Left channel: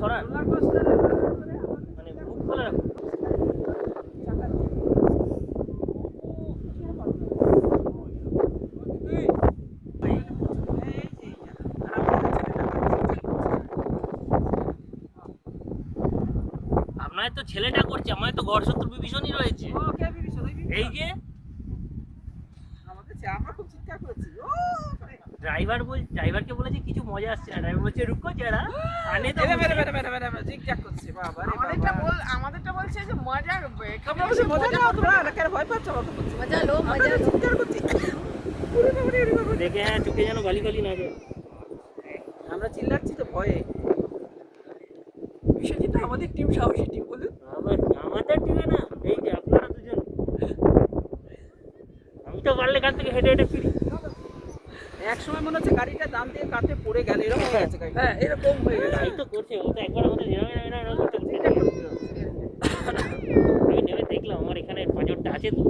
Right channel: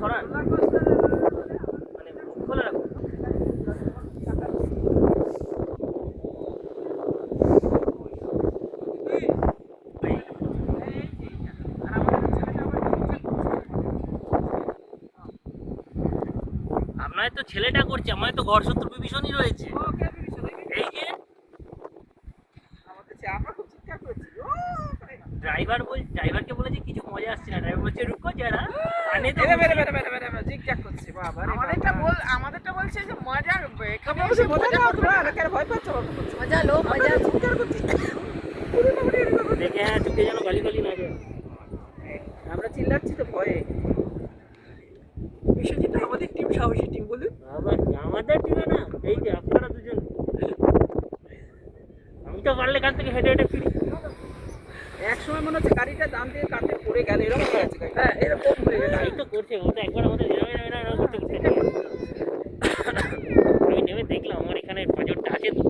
সরান, মানে মুখ খোলা রাখুন। আপনার তো ছেলেটা করছে, আমার তো ঘর শত্রু বিভীষণই রয়েছে। এই যে ড্রাইভারকে বলেছি কিছু মজা আসছে না, ড্রাইভার বলছে রুকো যারা আনে তো আমাদেরটা বলছে যে মজা মজা লো মজা দেখে হ্যাঁ চোখে যেন গালি গালি না যায়। আমরা চিল্লাচ্ছি তো ভয়ে। বিশ্বজিৎ আমাদের টিম সাহসী টিম, বলুন। আমাদের টিমে না, এই যে আপনারা দুজন, আমি তো পারলে এখান থেকে হেঁটে হেঁটে ফিরি। এক সময় মনে হচ্ছে গাড়িটা দাম দিয়ে কাটে পড়ে গেল, এরকম হয়ে গেছে গাড়িটা। হ্যাঁ এরকম হয়ে গেছে। এই তো করছে ওটা, একবার আমাদের এরকম করতে করতে আমি নেমে দেখলাম আমার এখানে পাঁচরটা আছে তো।